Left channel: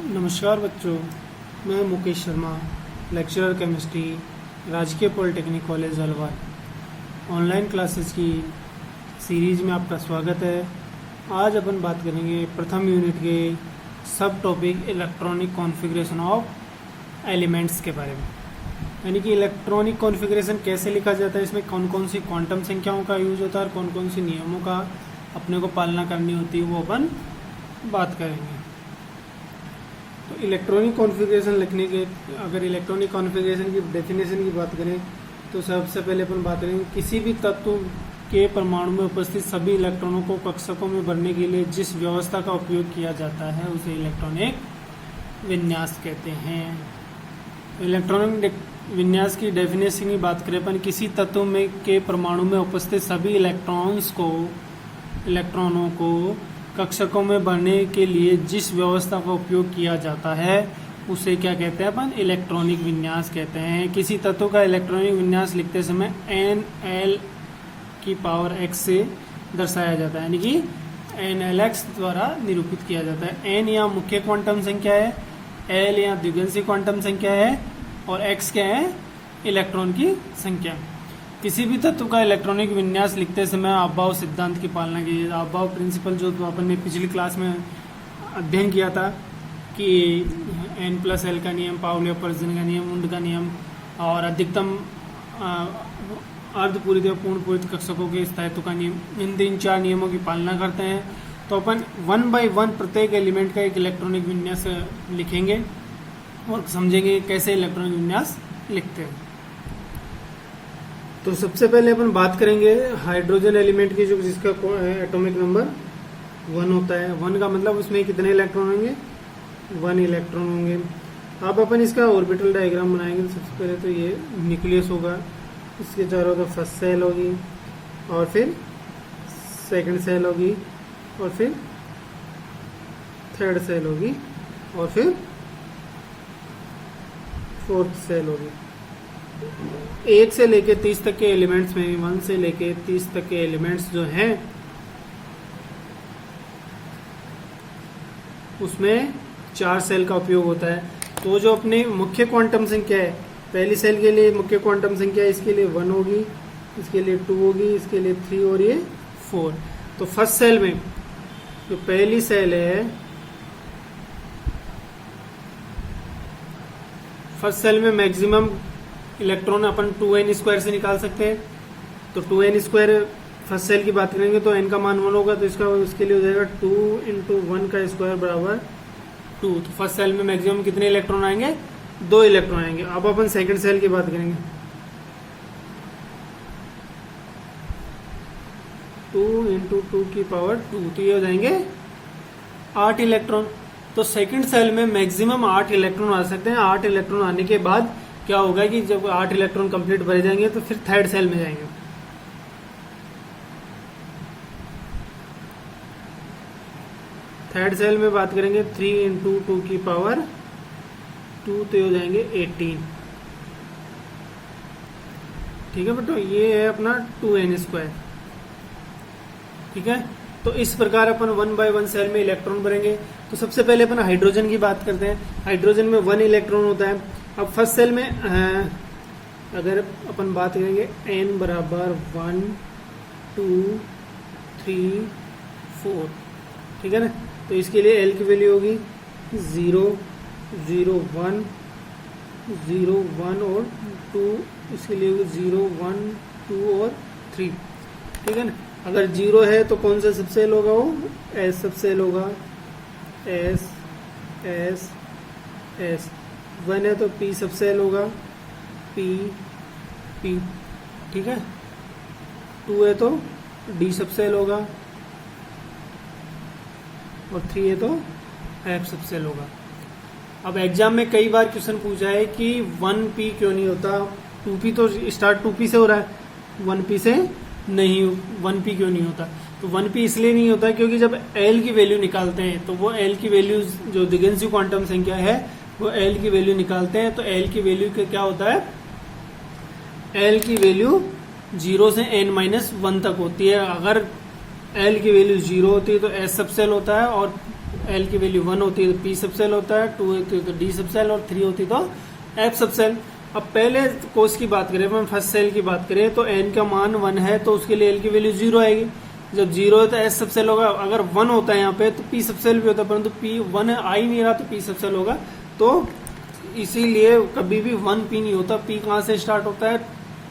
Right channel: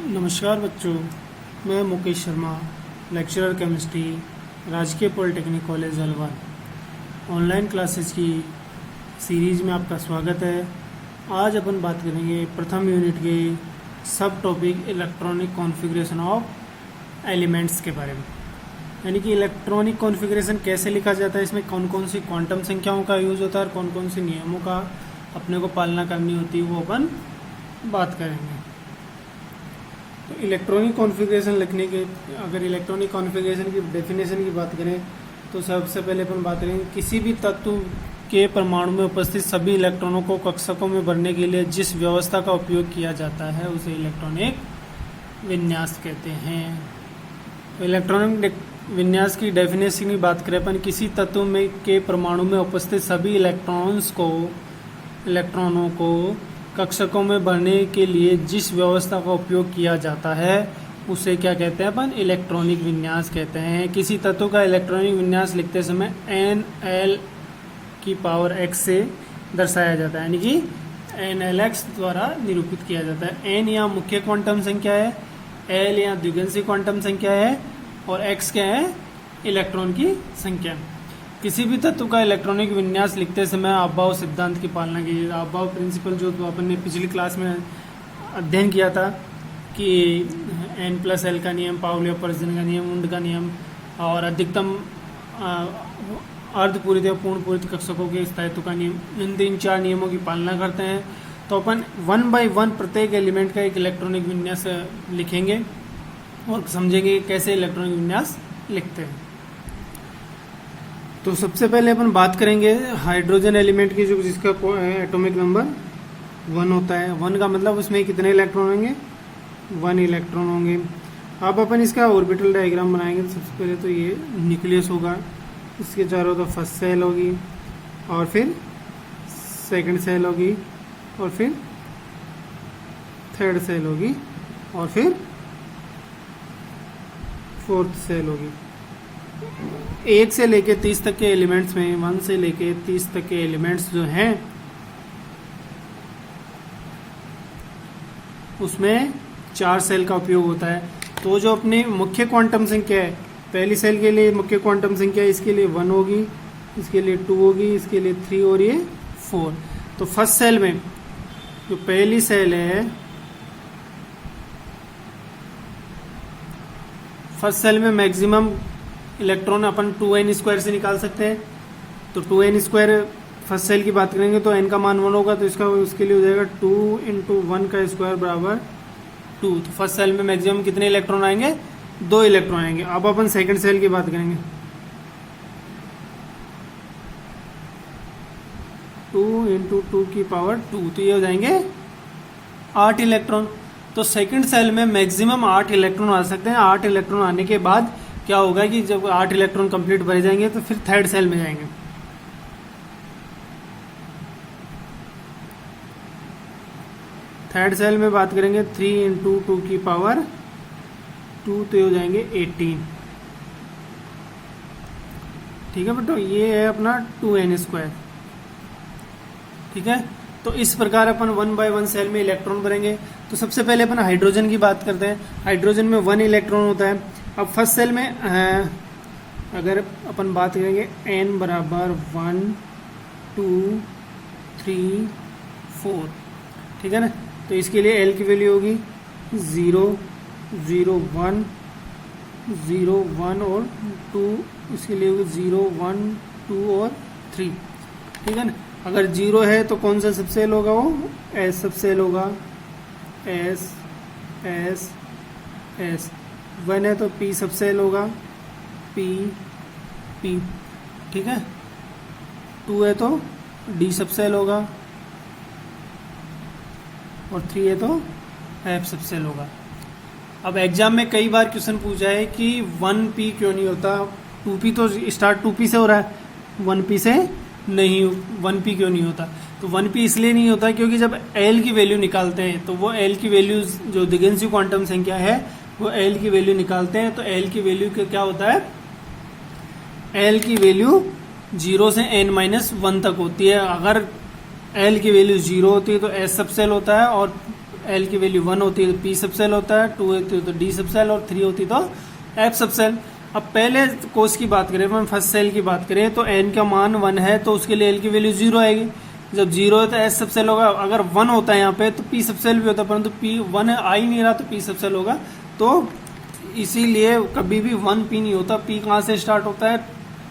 नमस्कार बच्चों, मैं मुकेश शर्मा, लेक्चरर केमिस्ट्री, राजकीय polytechnic college Alwar. Online classes की सीरीज में आपका स्वागत है। आज अपन बात करेंगे प्रथम यूनिट के सब topic electronic configuration of elements के बारे में, यानी कि इलेक्ट्रॉनिक कॉन्फ़िगरेशन कैसे लिखा जाता है, इसमें कौन कौन सी क्वांटम संख्याओं का यूज होता है और कौन कौन सी नियमों का अपने को पालना करनी होती है, वो अपन बात करेंगे। तो इलेक्ट्रॉनिक कॉन्फ़िगरेशन लिखने के, अगर इलेक्ट्रॉनिक कॉन्फ़िगरेशन की डेफिनेशन की बात करें तो सबसे पहले अपन बात करेंगे किसी भी तत्व के परमाणु में उपस्थित सभी इलेक्ट्रॉनों को कक्षकों में भरने के लिए जिस व्यवस्था का उपयोग किया जाता है उसे इलेक्ट्रॉनिक विन्यास कहते हैं। तो इलेक्ट्रॉनिक विन्यास की डेफिनेशन की बात करें अपन, किसी तत्व में के परमाणु में उपस्थित सभी इलेक्ट्रॉनों को कक्षकों में भरने के लिए जिस व्यवस्था का उपयोग किया जाता है उसे क्या कहते हैं अपन? इलेक्ट्रॉनिक विन्यास कहते हैं। किसी तत्व का इलेक्ट्रॉनिक विन्यास लिखते समय NL की पावर x से दर्शाया जाता है, यानी कि NLX द्वारा निरूपित किया जाता है। N यहाँ मुख्य क्वांटम संख्या है, L यहाँ द्विगुणित क्वांटम संख्या है और x क्या है? इलेक्ट्रॉन की संख्या। किसी भी तत्व का इलेक्ट्रॉनिक विन्यास लिखते समय अभाव सिद्धांत की पालना कीजिए। अभाव प्रिंसिपल जो अपन ने पिछली क्लास में अध्ययन किया था कि N+L का नियम, पाउली अपवर्जन का नियम, उंड का नियम और अधिकतम अर्धपूरित या पूर्ण पूरित कक्षकों के स्थायित्व का नियम, इन 3-4 नियमों की पालना करते हैं। तो अपन 1 by 1 प्रत्येक एलिमेंट का एक इलेक्ट्रॉनिक विन्यास लिखेंगे और समझेंगे कैसे इलेक्ट्रॉनिक विन्यास लिखते हैं। तो सबसे पहले अपन बात करेंगे हाइड्रोजन एलिमेंट की, जो जिसका एटॉमिक नंबर 1 होता है। 1 का मतलब उसमें कितने इलेक्ट्रॉन होंगे? 1 इलेक्ट्रॉन होंगे। अब अपन इसका ऑर्बिटल डायग्राम बनाएंगे। सबसे पहले तो ये न्यूक्लियस होगा, इसके चारों तरफ फर्स्ट सेल होगी और फिर सेकंड सेल होगी और फिर थर्ड सेल होगी और फिर फोर्थ सेल होगी। 1 से लेके 30 तक के एलिमेंट्स में, 1 से लेके 30 तक के एलिमेंट्स जो हैं उसमें 4 सेल का उपयोग होता है। तो जो अपनी मुख्य क्वांटम संख्या है, पहली सेल के लिए मुख्य क्वांटम संख्या इसके लिए 1 होगी, इसके लिए 2 होगी, इसके लिए 3 और ये 4। तो फर्स्ट सेल में जो पहली सेल है, फर्स्ट सेल में मैक्सिमम इलेक्ट्रॉन अपन 2n² से निकाल सकते हैं। तो 2n² फर्स्ट सेल की बात करेंगे तो n का मान 1 होगा, तो इसका उसके लिए हो जाएगा 2 × 1 का स्क्वायर बराबर 2। तो फर्स्ट सेल में मैक्सिमम कितने इलेक्ट्रॉन आएंगे? 2 इलेक्ट्रॉन आएंगे। अब अपन सेकंड सेल की बात करेंगे। 2 × 2 की पावर 2, तो ये हो जाएंगे 8 इलेक्ट्रॉन। तो सेकंड सेल में मैक्सिमम 8 इलेक्ट्रॉन आ सकते हैं। 8 इलेक्ट्रॉन आने के बाद क्या होगा कि जब 8 इलेक्ट्रॉन कंप्लीट भरे जाएंगे तो फिर थर्ड सेल में जाएंगे। थर्ड सेल में बात करेंगे 3 × 2 की पावर 2, तो हो जाएंगे 18। ठीक है, तो ये है अपना 2n²। ठीक है, तो इस प्रकार अपन 1 by 1 सेल में इलेक्ट्रॉन भरेंगे। तो सबसे पहले अपन हाइड्रोजन की बात करते हैं। हाइड्रोजन में 1 इलेक्ट्रॉन होता है। अब फर्स्ट सेल में अगर अपन बात करेंगे n बराबर 1 2 3 4, ठीक है ना, तो इसके लिए L की वैल्यू होगी 0 0 1 0 1 और 2, इसके लिए होगी 0 1 2 और 3। ठीक है ना, अगर 0 है तो कौन सा सबसेल होगा? वो S सबसेल होगा, S S S। 1 है तो P सबसेल होगा, P P। ठीक है, 2 है तो D सबसेल होगा और 3 है तो F सबसेल होगा। अब एग्जाम में कई बार क्वेश्चन पूछा है कि 1p क्यों नहीं होता? 2p तो स्टार्ट 2p से हो रहा है, 1p से नहीं, 1p क्यों नहीं होता? तो 1p इसलिए नहीं होता क्योंकि जब L की वैल्यू निकालते हैं तो वो L की वैल्यू जो द्विगुणित क्वांटम संख्या है वो L की वैल्यू निकालते हैं। तो L की वैल्यू क्या होता है? L की वैल्यू 0 से n-1 तक होती है। अगर L की वैल्यू 0 होती है तो S सबसेल होता है और एल की वैल्यू 1 होती है तो पी सब सेल होता है, 2 होती है तो डी सब सेल और 3 होती तो एफ सब सेल। अब पहले कोष की बात करें, हम फर्स्ट सेल की बात करें तो एन का मान 1 है तो उसके लिए एल की वैल्यू 0 आएगी। जब 0 है तो एस सब सेल होगा। अगर 1 होता है यहाँ पे तो पी सब सेल भी होता है, परंतु पी 1 है, आ ही नहीं रहा तो पी सब सेल होगा। तो इसीलिए कभी भी 1 पी नहीं होता। पी कहाँ से स्टार्ट होता है?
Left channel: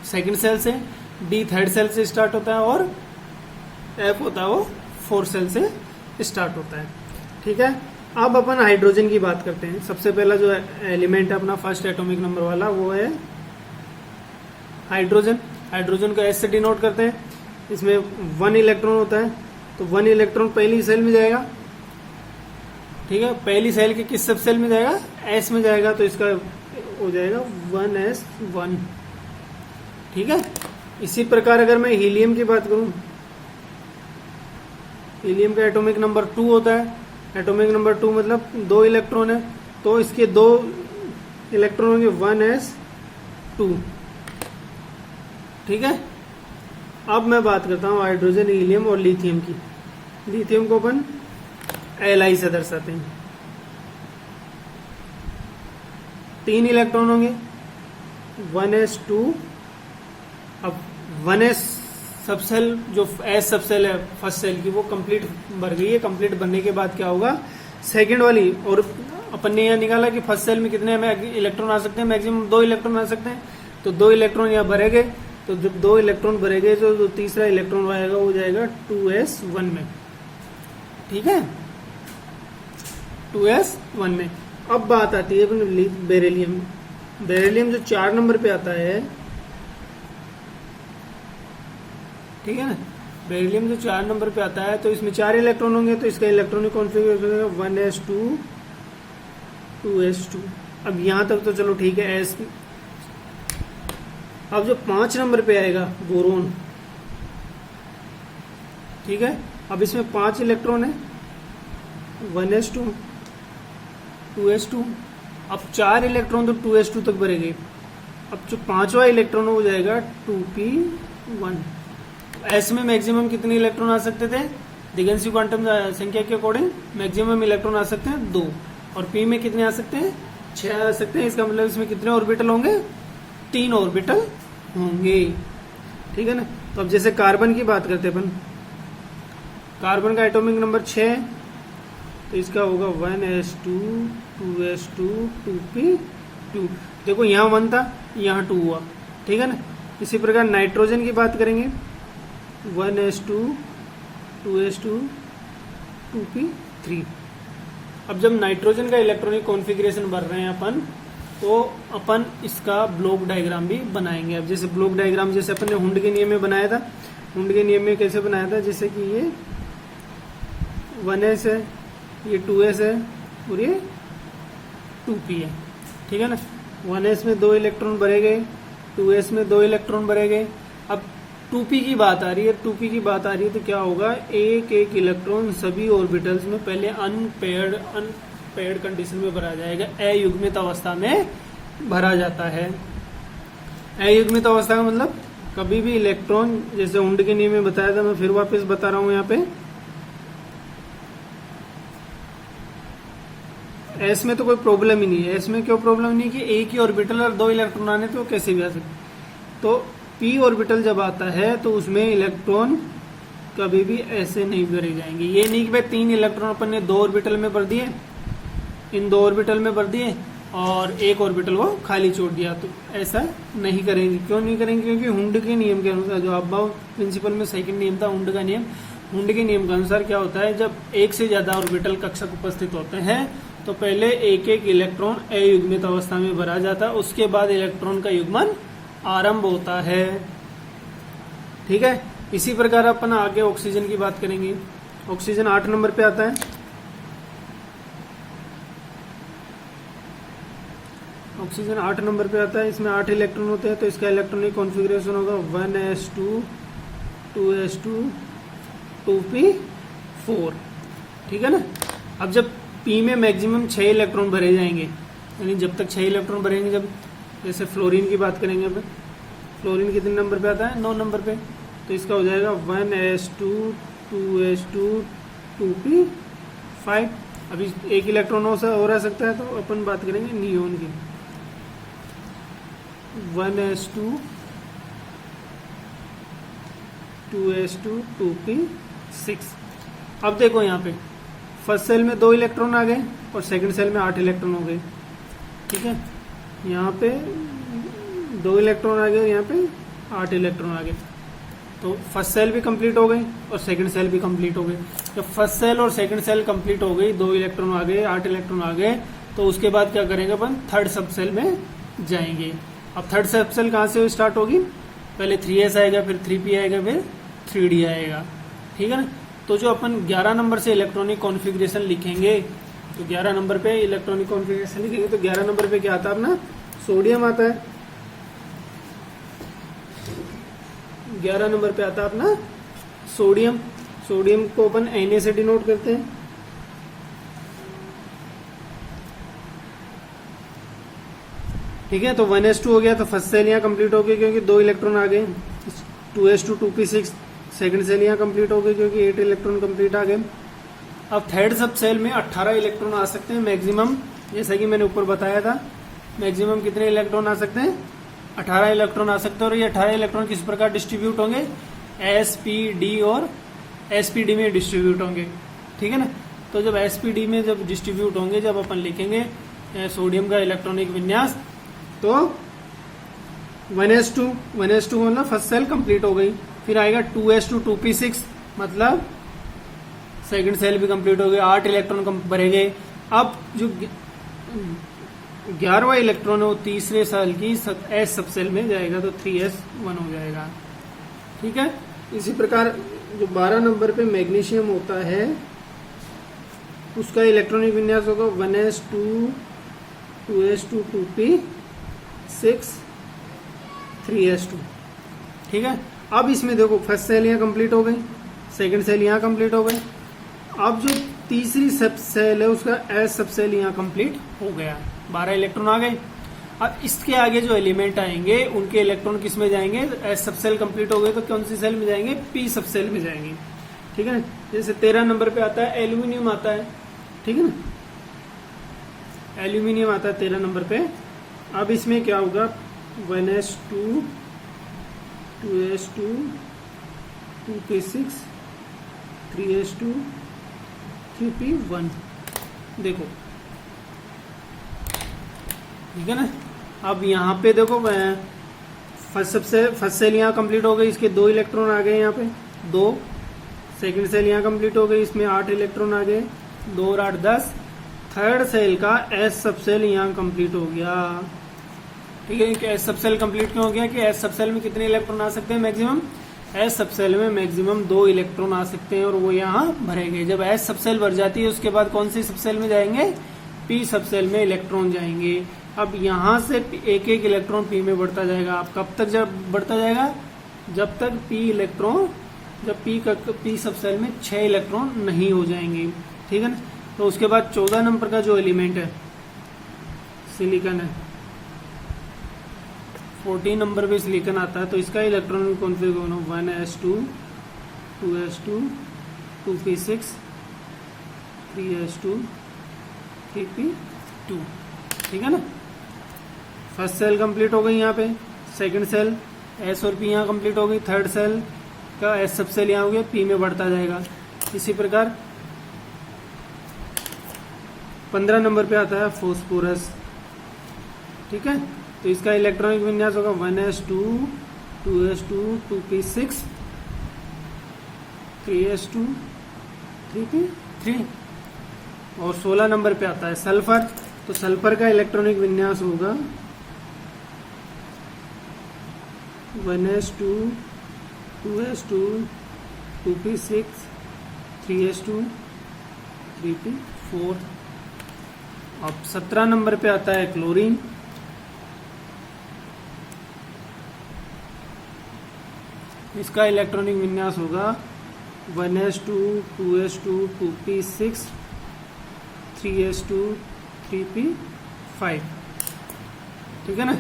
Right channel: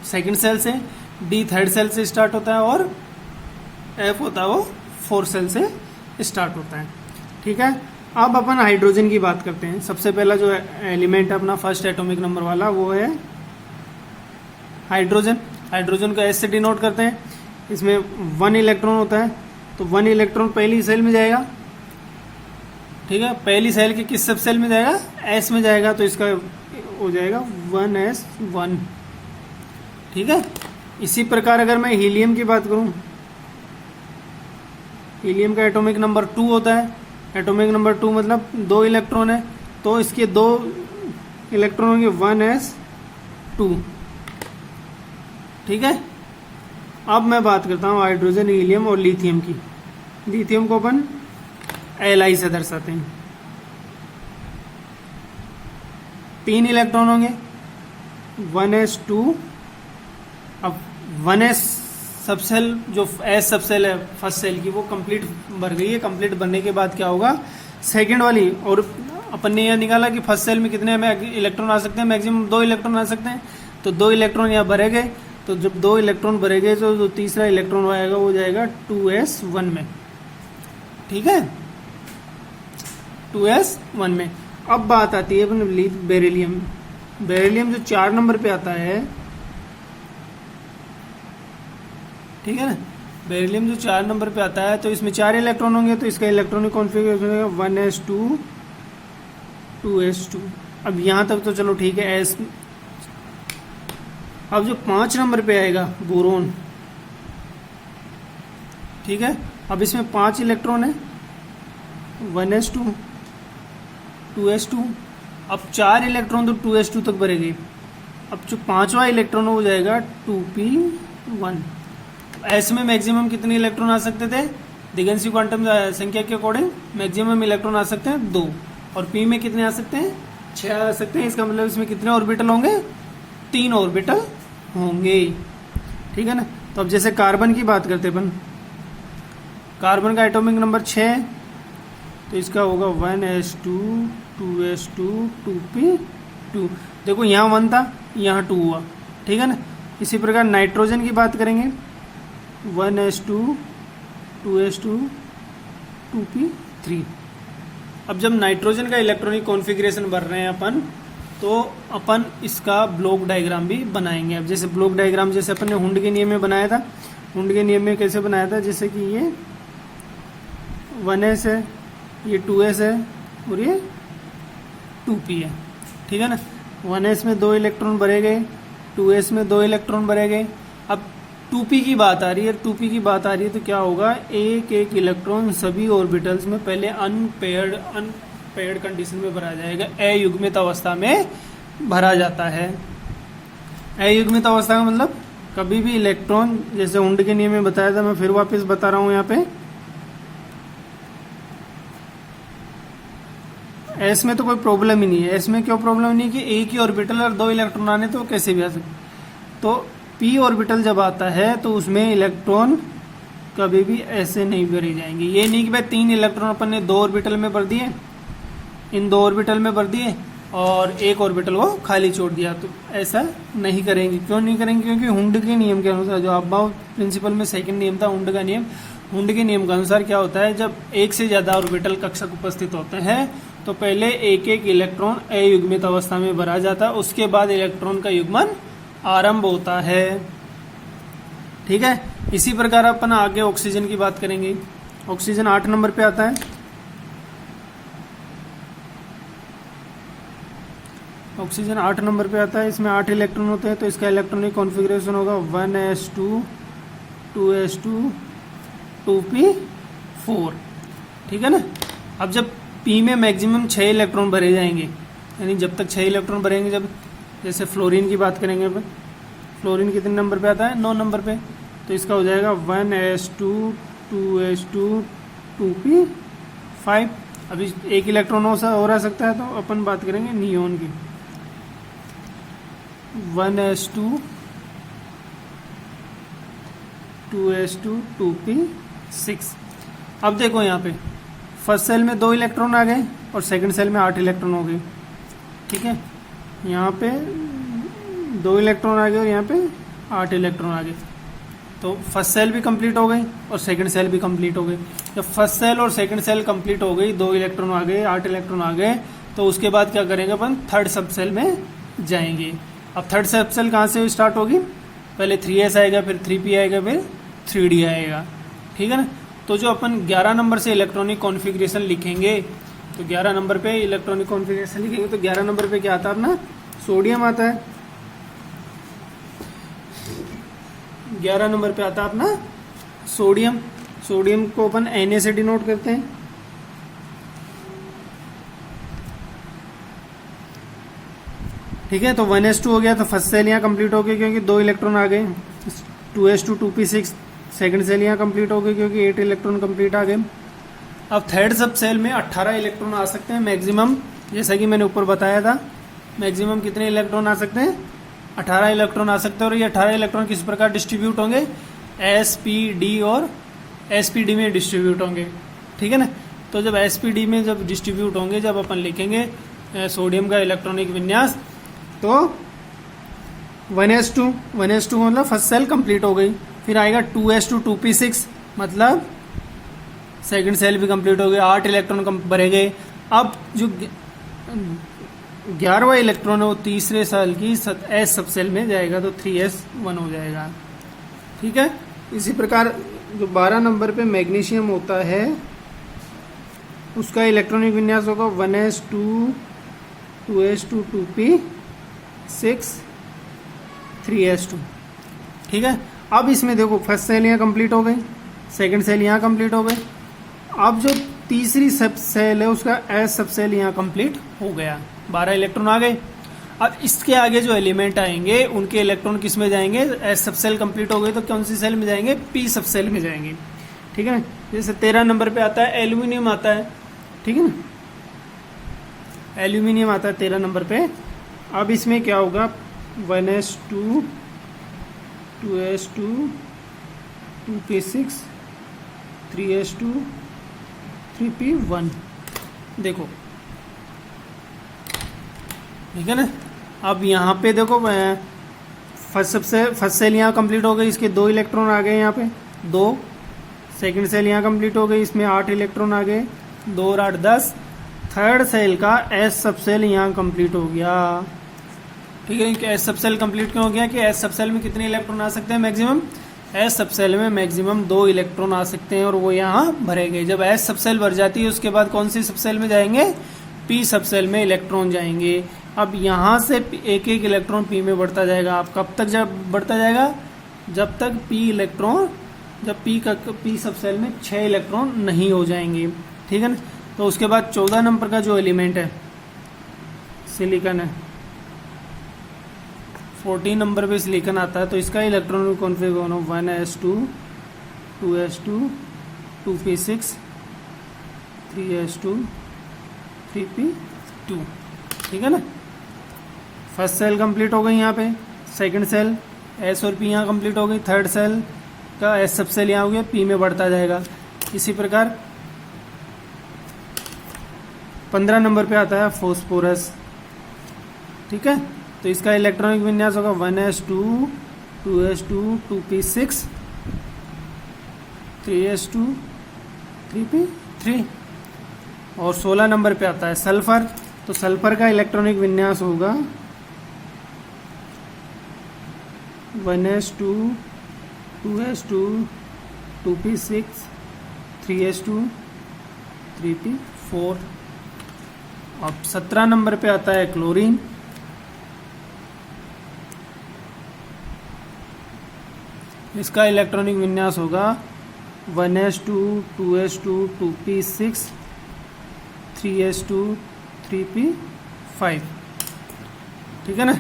सेकंड सेल से, डी थर्ड सेल से स्टार्ट होता है और एफ होता है वो फोर्थ सेल से स्टार्ट होता है। ठीक है, अब अपन हाइड्रोजन की बात करते हैं। सबसे पहला जो एलिमेंट है अपना फर्स्ट एटॉमिक नंबर वाला वो है हाइड्रोजन। हाइड्रोजन को एस से डिनोट करते हैं। इसमें 1 इलेक्ट्रॉन होता है तो 1 इलेक्ट्रॉन पहली सेल में जाएगा। ठीक है, पहली सेल के किस सब सेल में जाएगा? एस में जाएगा, तो इसका हो जाएगा 1s1। ठीक है, इसी प्रकार अगर मैं हीलियम की बात करूं, हीलियम का एटॉमिक नंबर 2 होता है। एटॉमिक नंबर 2 मतलब 2 इलेक्ट्रॉन है तो इसके 2 इलेक्ट्रॉन होंगे 1s2। ठीक है, अब मैं बात करता हूं हाइड्रोजन, हीलियम और लिथियम की। लिथियम को अपन Li से दर्शाते हैं। 3 इलेक्ट्रॉन होंगे 1s2। अब 1s सब सेल जो एस सब सेल है फर्स्ट सेल की वो कंप्लीट भर गई है। कंप्लीट भरने के बाद क्या होगा? सेकंड वाली, और अपन ने यह निकाला कि फर्स्ट सेल में कितने इलेक्ट्रॉन आ सकते हैं? मैक्सिमम 2 इलेक्ट्रॉन आ सकते हैं। तो 2 इलेक्ट्रॉन यहाँ भरे गए, तो जब 2 इलेक्ट्रॉन भरे गए तो जो तीसरा इलेक्ट्रॉन आएगा वो जाएगा 2s1 में। ठीक है, 2s1 में। अब बात आती है बेरिलियम। बेरिलियम जो 4 नंबर पे आता है, ठीक है ना, बेरिलियम जो 4 नंबर पे आता है तो इसमें 4 इलेक्ट्रॉन होंगे तो इसका इलेक्ट्रॉनिक कॉन्फ़िगरेशन होगा 1s2 2s2। अब यहां तक तो चलो ठीक है एस। अब जो 5 नंबर पे आएगा बोरोन, ठीक है, अब इसमें 5 इलेक्ट्रॉन है 1s2 2s2। अब 4 इलेक्ट्रॉन तो 2s2 तक भरेंगे। अब जो 5वां इलेक्ट्रॉन हो जाएगा 2p1। एस में मैक्सिमम कितने इलेक्ट्रॉन आ सकते थे? दिगंशी क्वांटम संख्या के अकॉर्डिंग मैक्सिमम इलेक्ट्रॉन आ सकते हैं 2, और पी में कितने आ सकते हैं? 6 आ सकते हैं। इसका मतलब इसमें कितने ऑर्बिटल होंगे? 3 ऑर्बिटल होंगे। ठीक है ना। तो अब जैसे कार्बन की बात करते हैं अपन, कार्बन का एटॉमिक नंबर 6 तो इसका होगा 1s2 2s2 2p2। देखो यहाँ 1 था, यहाँ 2 हुआ। ठीक है ना। इसी प्रकार नाइट्रोजन की बात करेंगे, 1s2 2s2 2p3। अब जब नाइट्रोजन का इलेक्ट्रॉनिक कॉन्फ़िगरेशन भर रहे हैं अपन, तो अपन इसका ब्लॉक डायग्राम भी बनाएंगे। अब जैसे ब्लॉक डायग्राम जैसे अपन ने हुंड के नियम में बनाया था, हुंड के नियम में कैसे बनाया था? जैसे कि ये 1s है, ये 2s है और ये 2p है। ठीक है ना। 1s में 2 इलेक्ट्रॉन भरे गए, 2s में 2 इलेक्ट्रॉन भरे गए। अब 2p की बात आ रही है, 2p की बात आ रही है तो क्या होगा? एक एक इलेक्ट्रॉन सभी ऑर्बिटल्स में पहले अनपेयर्ड कंडीशन में भरा जाएगा। अयुग्मित अवस्था में भरा जाता है। अयुग्मित अवस्था का मतलब कभी भी इलेक्ट्रॉन, जैसे हुंड के नियम में बताया था, मैं फिर वापस बता रहा हूं यहाँ पे, एस में तो कोई प्रॉब्लम ही नहीं है। एस में क्यों प्रॉब्लम नहीं कि एक ही ऑर्बिटल और 2 इलेक्ट्रॉन आने तो कैसे भी आ सकते। तो पी ऑर्बिटल जब आता है तो उसमें इलेक्ट्रॉन कभी भी ऐसे नहीं भरे जाएंगे। ये नहीं कि भाई 3 इलेक्ट्रॉन अपन ने 2 ऑर्बिटल में भर दिए, इन 2 ऑर्बिटल में भर दिए और एक ऑर्बिटल को खाली छोड़ दिया, तो ऐसा नहीं करेंगे। क्यों नहीं करेंगे? क्योंकि हुंड के नियम के अनुसार, जो अबाव प्रिंसिपल में सेकंड नियम था हुंड का नियम, हुंड के नियम के अनुसार क्या होता है, जब एक से ज्यादा ऑर्बिटल कक्षक उपस्थित होते हैं तो पहले एक एक इलेक्ट्रॉन अयुग्मित अवस्था में भरा जाता है, उसके बाद इलेक्ट्रॉन का युग्मन आरंभ होता है। ठीक है। इसी प्रकार अपन आगे ऑक्सीजन की बात करेंगे। ऑक्सीजन 8 नंबर पे आता है। ऑक्सीजन 8 नंबर पे आता है। इसमें 8 इलेक्ट्रॉन होते हैं तो इसका इलेक्ट्रॉनिक कॉन्फ़िगरेशन होगा 1s2 2s2 2p4। ठीक है ना। अब जब पी में मैक्सिमम 6 इलेक्ट्रॉन भरे जाएंगे, यानी जब तक 6 इलेक्ट्रॉन भरेंगे, जब जैसे फ्लोरीन की बात करेंगे अपन, फ्लोरीन कितने नंबर पे आता है? 9 नंबर पे। तो इसका हो जाएगा 1s2 2s2 2p5। अभी एक इलेक्ट्रॉन हो रह सकता है, तो अपन बात करेंगे नियोन की। 1s2 2s2 2p6। अब देखो यहाँ पे फर्स्ट सेल में 2 इलेक्ट्रॉन आ गए और सेकंड सेल में 8 इलेक्ट्रॉन हो गए। ठीक है, यहाँ पे 2 इलेक्ट्रॉन आ गए और यहाँ पे 8 इलेक्ट्रॉन आ गए। तो फर्स्ट सेल भी कंप्लीट हो गई और सेकंड सेल भी कंप्लीट हो गई। जब फर्स्ट सेल और सेकंड सेल कंप्लीट हो गई, 2 इलेक्ट्रॉन आ गए, 8 इलेक्ट्रॉन आ गए, तो उसके बाद क्या करेंगे अपन, थर्ड सब सेल में जाएंगे। अब थर्ड सब सेल कहाँ से स्टार्ट होगी, पहले 3s आएगा, फिर 3p आएगा, फिर 3d आएगा। ठीक है ना। तो जो अपन 11 नंबर से इलेक्ट्रॉनिक कॉन्फ़िगरेशन लिखेंगे, तो 11 नंबर पे इलेक्ट्रॉनिक कॉन्फ़िगरेशन लिखेंगे, तो 11 नंबर पे क्या आता है अपना, सोडियम आता है। 11 नंबर पे आता है अपना सोडियम। सोडियम को अपन Na से डिनोट करते हैं। ठीक है, तो 1s2 हो गया, तो फर्स्ट सेल यहाँ कंप्लीट हो गई क्योंकि 2 इलेक्ट्रॉन आ गए। 2s2 2p6 सेकंड सेल यहाँ कंप्लीट हो गई क्योंकि 8 इलेक्ट्रॉन कंप्लीट आ गए। अब थर्ड सब सेल में 18 इलेक्ट्रॉन आ सकते हैं मैक्सिमम, जैसा कि मैंने ऊपर बताया था। मैक्सिमम कितने इलेक्ट्रॉन आ सकते हैं, 18 इलेक्ट्रॉन आ सकते हैं। और ये 18 इलेक्ट्रॉन किस प्रकार डिस्ट्रीब्यूट होंगे, sp d और sp d में डिस्ट्रीब्यूट होंगे। ठीक है ना। तो जब sp d में जब डिस्ट्रीब्यूट होंगे, जब अपन लिखेंगे सोडियम का इलेक्ट्रॉनिक विन्यास, तो 1s2 मतलब फर्स्ट सेल कंप्लीट हो गई। फिर आएगा 2s2 2p6 मतलब सेकंड सेल भी कंप्लीट हो गया, 8 इलेक्ट्रॉन भरे गए। अब जो 11वां इलेक्ट्रॉन है वो तीसरे सेल की एस सब सेल में जाएगा, तो 3s1 हो जाएगा। ठीक है। इसी प्रकार जो 12 नंबर पे मैग्नीशियम होता है, उसका इलेक्ट्रॉनिक विन्यास होगा 1s2 2s2 2p6 3s2। ठीक है। अब इसमें देखो फर्स्ट सेल यहाँ कंप्लीट हो गई, सेकंड सेल यहाँ कंप्लीट हो गई। अब जो तीसरी सब सेल है उसका एस सब सेल यहाँ कंप्लीट हो गया, 12 इलेक्ट्रॉन आ गए। अब इसके आगे जो एलिमेंट आएंगे उनके इलेक्ट्रॉन किस में जाएंगे, एस सब सेल कंप्लीट हो गए तो कौन सी सेल में जाएंगे, पी सब सेल में जाएंगे। ठीक है। जैसे 13 नंबर पे आता है एल्यूमिनियम आता है। ठीक है ना, एल्यूमिनियम आता है 13 नंबर पे। अब इसमें क्या होगा, 1s2 2s2 2p6 3s2 3p1। देखो ठीक है ना। अब यहाँ पे देखो फर्स्ट सेल यहाँ कंप्लीट हो गई, इसके 2 इलेक्ट्रॉन आ गए यहाँ पे 2। सेकंड सेल यहाँ कंप्लीट हो गई, इसमें 8 इलेक्ट्रॉन आ गए, 2 और 8 10। थर्ड सेल का एस सब सेल यहाँ कंप्लीट हो गया। ठीक है, कि एस सब सेल कंप्लीट क्यों हो गया, कि एस सब सेल में कितने इलेक्ट्रॉन आ सकते हैं मैक्सिमम, एस सब सेल में मैक्सिमम 2 इलेक्ट्रॉन आ सकते हैं और वो यहाँ भरे गए। जब एस सब सेल भर जाती है उसके बाद कौन सी सब सेल में जाएंगे, पी सब सेल में इलेक्ट्रॉन जाएंगे। अब यहाँ से एक एक इलेक्ट्रॉन पी में बढ़ता जाएगा। अब कब तक जब बढ़ता जाएगा, जब तक जब पी सब सेल में 6 इलेक्ट्रॉन नहीं हो जाएंगे। ठीक है ना। तो उसके बाद 14 नंबर का जो एलिमेंट है सिलिकॉन है, 14 नंबर पे सिलिकॉन आता है, तो इसका electron configuration 1s2 2s2 2p6 3s2 3p2। ठीक है ना। फर्स्ट सेल कंप्लीट हो गई यहाँ पे, सेकंड सेल एस और पी यहाँ कंप्लीट हो गई, थर्ड सेल का एस सब सेल यहाँ हो गया, पी में बढ़ता जाएगा। इसी प्रकार 15 नंबर पे आता है फॉस्फोरस। ठीक है। तो इसका इलेक्ट्रॉनिक विन्यास होगा 1s2 2s2 2p6 3s2 3p3। और 16 नंबर पे आता है सल्फर। तो सल्फर का इलेक्ट्रॉनिक विन्यास होगा 1s2 2s2 2p6 3s2 3p4। अब 17 नंबर पे आता है क्लोरीन। इसका इलेक्ट्रॉनिक विन्यास होगा 1s2 2s2 2p6 3s2 3p5। ठीक है ना।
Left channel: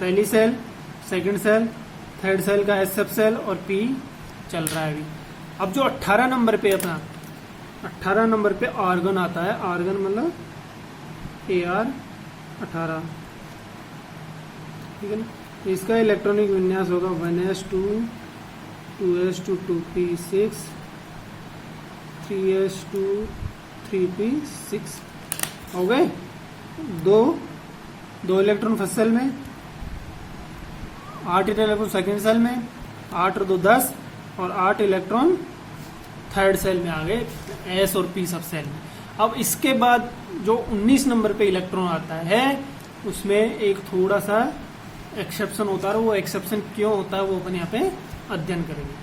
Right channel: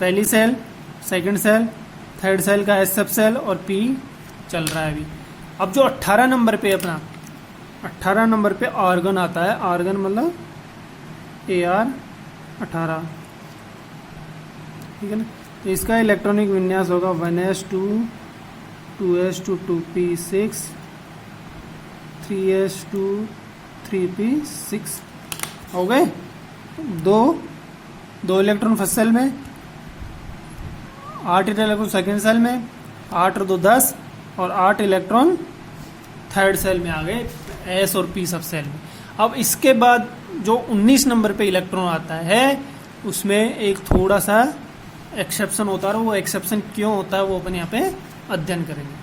पहली shell, second shell, third shell का S subshell shell P चल रहा है अभी। अब जो 18 नंबर पे अपना 18 नंबर पे आर्गन आता है। आर्गन मतलब AR 18, ठीक है ना। इसका इलेक्ट्रॉनिक विन्यास होगा 1s2 2s2 2p6 3s2 3p6। हो गए दो इलेक्ट्रॉन फर्स्ट सेल में, 8 इलेक्ट्रॉन सेकेंड सेल में, 8 और 2 10, और 8 इलेक्ट्रॉन थर्ड सेल में आ गए, एस और पी सब सेल में। अब इसके बाद जो 19 नंबर पे इलेक्ट्रॉन आता है उसमें एक थोड़ा सा एक्सेप्शन होता है, वो एक्सेप्शन क्यों होता है वो अपन यहाँ पे अध्ययन करेंगे।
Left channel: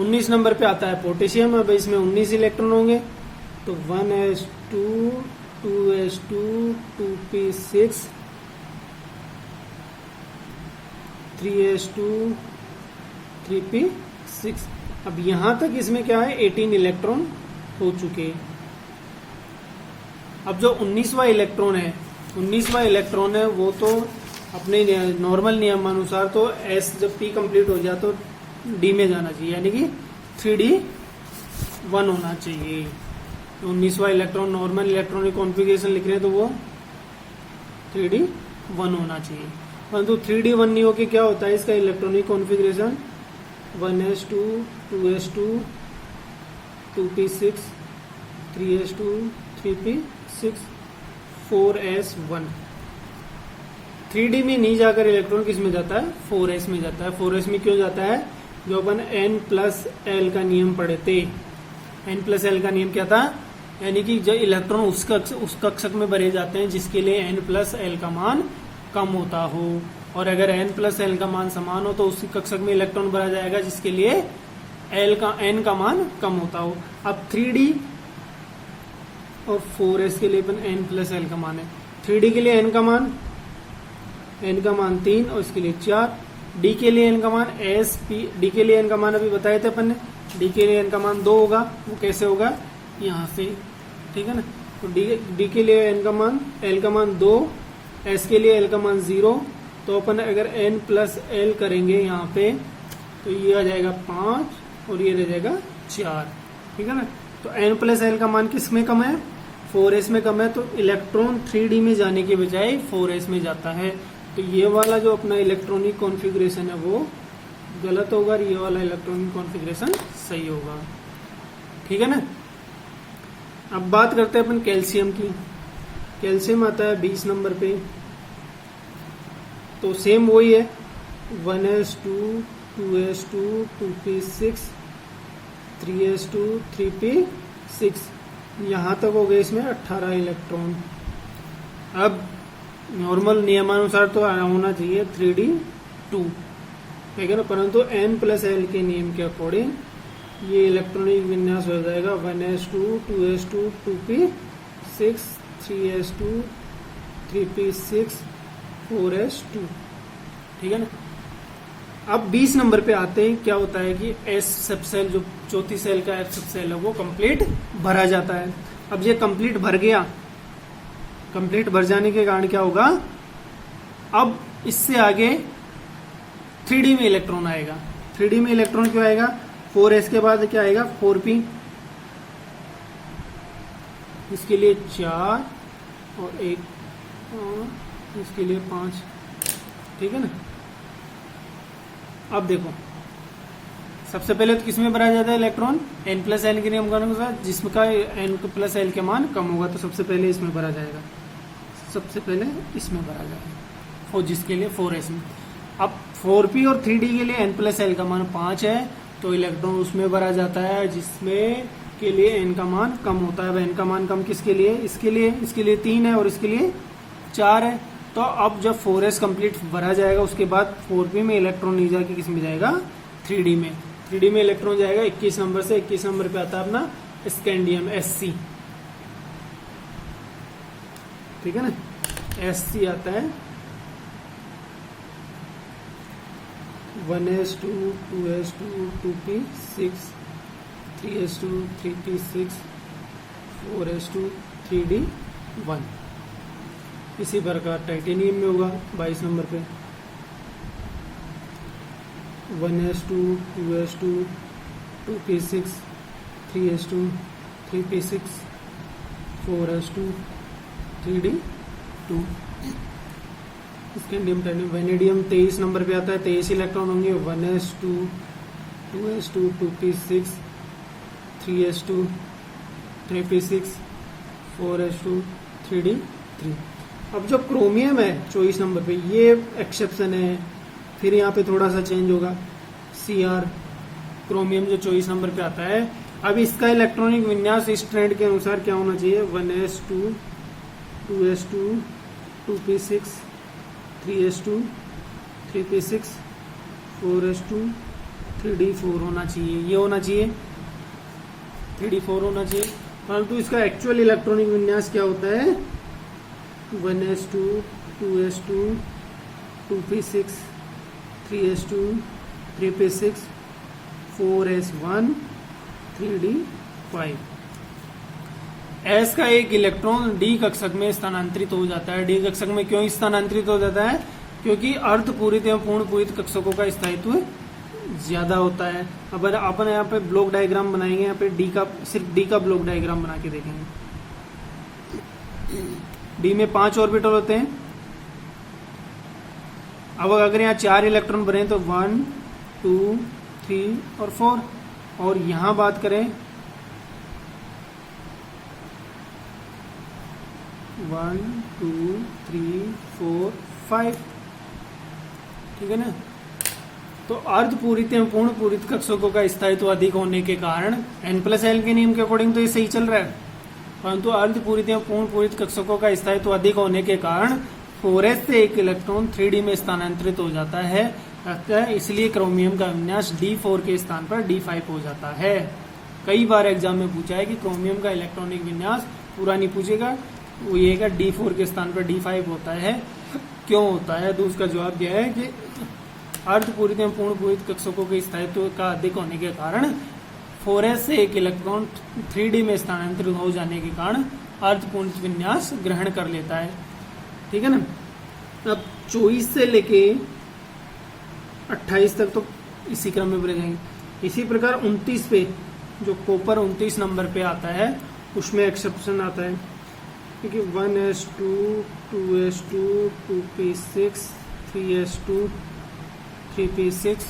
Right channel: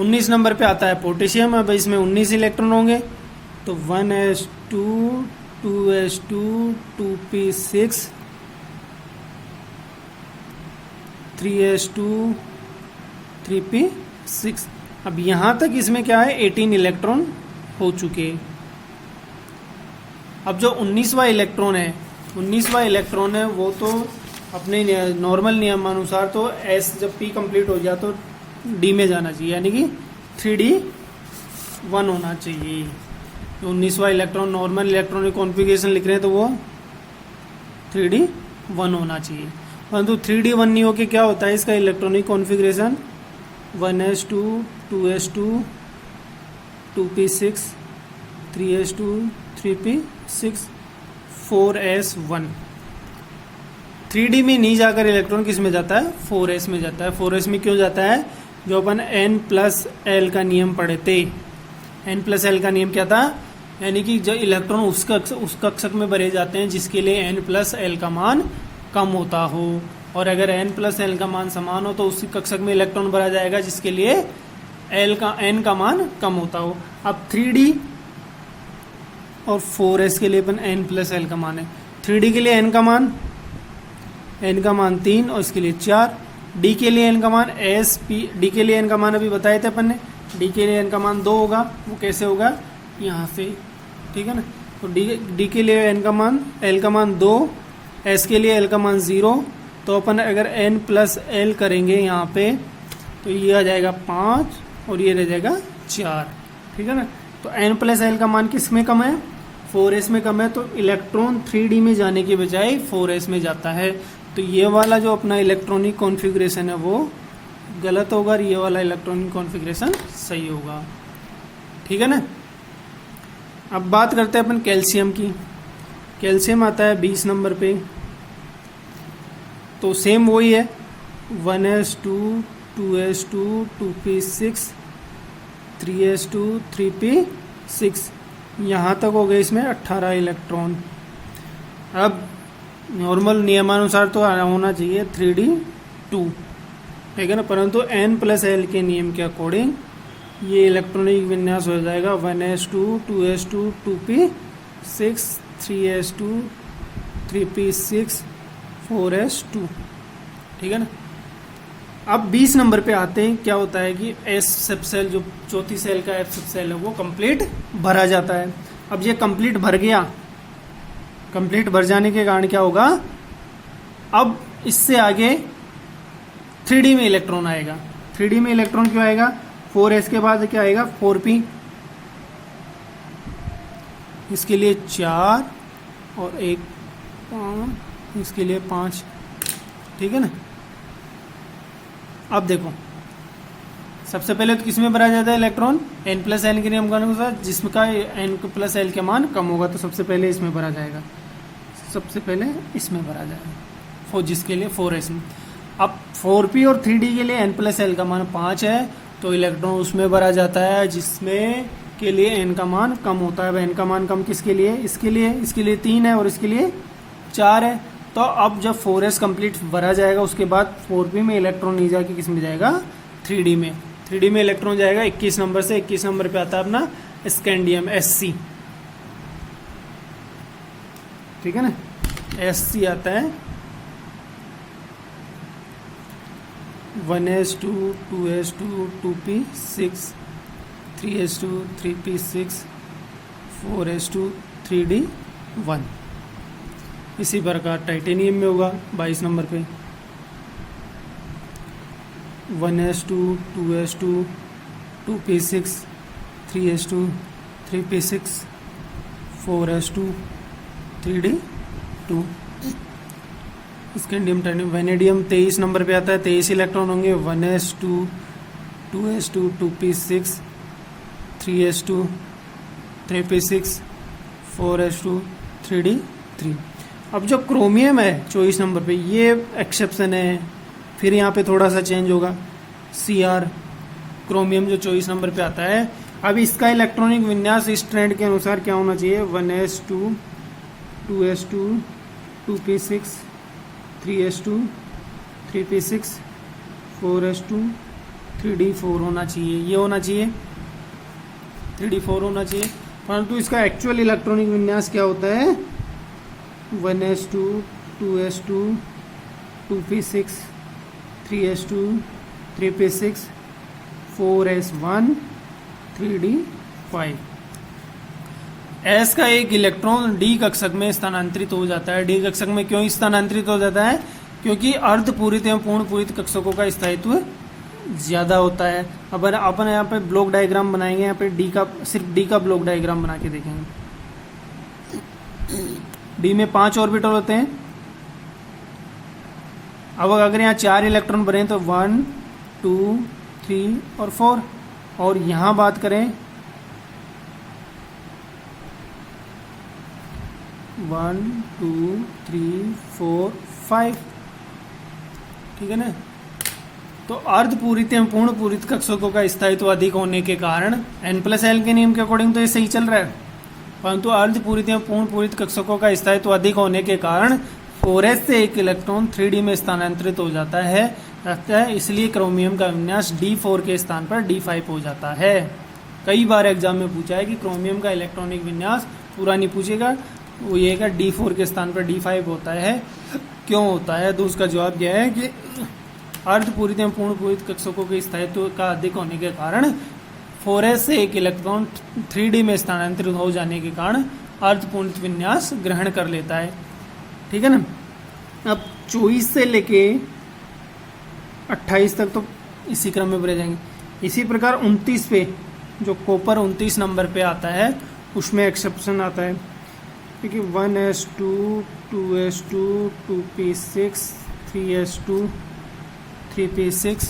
19 नंबर पे आता है पोटेशियम। अब इसमें 19 इलेक्ट्रॉन होंगे, तो 1s2 2s2 2p6 3s2 3p6। अब यहां तक इसमें क्या है, 18 इलेक्ट्रॉन हो चुके हैं। अब जो 19वां इलेक्ट्रॉन है, 19वां इलेक्ट्रॉन है वो तो अपने नॉर्मल नियमानुसार तो एस जब पी कंप्लीट हो जाए तो डी में जाना चाहिए, यानी कि 3d1 होना चाहिए। तो 19वां इलेक्ट्रॉन नॉर्मल इलेक्ट्रॉनिक कॉन्फ़िगरेशन लिख रहे हैं तो वो 3d1 होना चाहिए, परंतु 3d1 नहीं होके क्या होता है इसका electronic configuration 1s2 2s2 2p6 3s2 3p6 4s1। 3d में नहीं जाकर इलेक्ट्रॉन किस में जाता है, 4s में जाता है। 4s में क्यों जाता है, जो अपन n+l का नियम पढ़े थे। n+l का नियम क्या था, यानी कि जो इलेक्ट्रॉन उस कक्षक में भरे जाते हैं जिसके लिए n+l का मान कम होता हो, और अगर n+l का मान समान हो तो उसी कक्षक में इलेक्ट्रॉन भरा जाएगा जिसके लिए n का मान कम होता हो। अब 3d और 4s के लिए अपन n+l का मान है। 3d के लिए n का मान 3 और इसके लिए 4। d के लिए n का मान d के लिए n का मान अभी बताए थे अपन ने, d के लिए n का मान 2 होगा। वो कैसे होगा, यहाँ से, ठीक है ना। तो d के लिए n का मान l का मान 2, s के लिए l का मान 0। तो अपन अगर n+l करेंगे यहाँ पे तो ये आ जाएगा 5 और ये रह जाएगा 4, ठीक है ना। तो n+l का मान किस में कम है, 4s में कम है, तो इलेक्ट्रॉन 3d में जाने के बजाय 4s में जाता है। तो ये वाला जो अपना इलेक्ट्रॉनिक कॉन्फ़िगरेशन है वो गलत होगा और ये वाला इलेक्ट्रॉनिक कॉन्फ़िगरेशन सही होगा, ठीक है ना। अब बात करते हैं अपन कैल्शियम की। कैल्शियम आता है 20 नंबर पे, तो सेम वही है 1s2 2s2 2p6 3s2 3p6। यहाँ तक हो गए इसमें 18 इलेक्ट्रॉन। अब नॉर्मल नियमानुसार तो होना चाहिए 3d2, ठीक है ना, परंतु n+l के नियम के अकॉर्डिंग ये इलेक्ट्रॉनिक विन्यास हो जाएगा 1s2 2s2 2p6 3s2 3p6 4s2, ठीक है ना। अब 20 नंबर पे आते हैं, क्या होता है कि एस सब सेल जो चौथी सेल का एफ सब सेल है वो कंप्लीट भरा जाता है। अब ये कंप्लीट भर गया, कंप्लीट भर जाने के कारण क्या होगा, अब इससे आगे 3d में इलेक्ट्रॉन आएगा। 3d में इलेक्ट्रॉन क्यों आएगा, 4s के बाद क्या आएगा 4p, इसके लिए 4 और 1 5, इसके लिए 5, ठीक है ना। अब देखो सबसे पहले तो किसमें भरा जाता है इलेक्ट्रॉन, n+l के नियम के अनुसार, जिसमें का n+l के मान कम होगा तो सबसे पहले इसमें भरा जाएगा, सबसे पहले इसमें भरा जाएगा, जिसके लिए 4s में। अब 4p और 3d के लिए n+l का मान 5 है तो इलेक्ट्रॉन उसमें भरा जाता है जिसमें के लिए n का मान कम होता है। अब n का मान कम किसके लिए, इसके लिए 3 है और इसके लिए 4 है। तो अब जब 4s कंप्लीट भरा जाएगा उसके बाद 4p में इलेक्ट्रॉन नहीं जाके किस में जाएगा, 3d में। 3d में इलेक्ट्रॉन जाएगा 21 नंबर से, 21 नंबर पे आता है अपना स्कैंडियम Sc, ठीक है ना, Sc आता है 1s2 2s2 2p6 3s2 3p6 4s2 3d1। इसी प्रकार टाइटेनियम में होगा 22 नंबर पे 1s2 2s2 2p6 3s2 3p6 4s2 3d2। Scandium टर्नियम vanadium 23 number पे आता है, 23 इलेक्ट्रॉन होंगे, 1s2 2s2 2p6 3s2 3p6 4s2 3d3। अब जो क्रोमियम है 24 नंबर पे, ये एक्सेप्शन है, फिर यहाँ पे थोड़ा सा चेंज होगा। Cr क्रोमियम जो 24 नंबर पे आता है, अब इसका इलेक्ट्रॉनिक विन्यास इस ट्रेंड के अनुसार क्या होना चाहिए, 1s2 2s2 2p6 3s2 3p6 4s2 3d4 होना चाहिए, ये होना चाहिए 3d4 होना चाहिए। परंतु इसका एक्चुअल इलेक्ट्रॉनिक विन्यास क्या होता है, 1s2 2s2 2p6 3s2 3p6 4s1 3d5। S का एक इलेक्ट्रॉन D कक्षक में स्थानांतरित हो जाता है। D कक्षक में क्यों स्थानांतरित हो जाता है, क्योंकि अर्धपूरित एवं पूर्ण पूरित कक्षकों का स्थायित्व ज्यादा होता है। अब अपन यहाँ पे ब्लॉक डायग्राम बनाएंगे, यहाँ पे D का सिर्फ D का ब्लॉक डायग्राम बना के देखेंगे। D में 5 ऑर्बिटल होते हैं। अब अगर यहाँ 4 इलेक्ट्रॉन बने तो 1 2 3 और 4, और यहां बात करें 1 2 3 4 5, ठीक है ना। तो अर्धपूरित एवं पूर्ण पूरित कक्षकों का स्थायित्व अधिक होने के कारण N+L के नियम के अकॉर्डिंग तो ये सही चल रहा है, परंतु अर्धपूरित एवं पूर्ण पूरित कक्षकों का स्थायित्व अधिक होने के कारण 4s से एक इलेक्ट्रॉन 3d में स्थानांतरित हो जाता है, इसलिए क्रोमियम का विन्यास D4 के स्थान पर D5 हो जाता है। कई बार एग्जाम में पूछा है कि क्रोमियम का इलेक्ट्रॉनिक विन्यास पूरा नहीं पूछेगा, वो ये का D4 के स्थान पर D5 होता है, क्यों होता है, तो उसका जवाब यह है कि अर्धपूरित एवं पूर्ण पूरित कक्षकों के स्थायित्व का अधिक होने के कारण 4s से एक इलेक्ट्रॉन 3d में स्थानांतरित हो जाने के कारण अर्धपूर्ण विन्यास ग्रहण कर लेता है, ठीक है ना। अब 24 से लेके 28 तक तो इसी क्रम में बढ़े जाएंगे। इसी प्रकार 29 पे जो कॉपर 29 नंबर पे आता है, उसमें एक्सेप्शन आता है, क्योंकि 1s2 2s2 2p6 3s2 3p6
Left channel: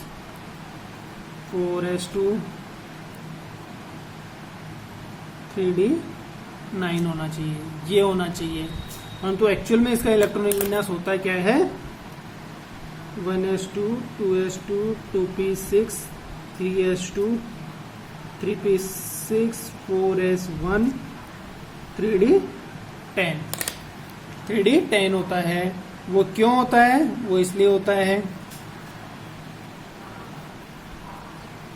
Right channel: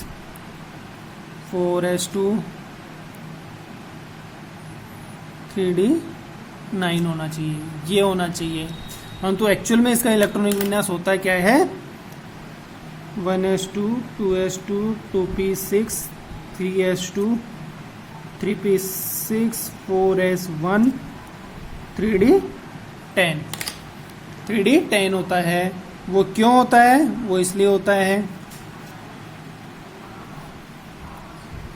4s2 3d9 होना चाहिए, ये होना चाहिए। परंतु एक्चुअल में इसका इलेक्ट्रॉनिक विन्यास होता है क्या है, 1s2 2s2 2p6 3s2 3p6 4s1 3d10। 3d10 होता है। वो क्यों होता है, वो इसलिए होता है,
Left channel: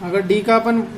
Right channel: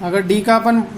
अगर D का अपन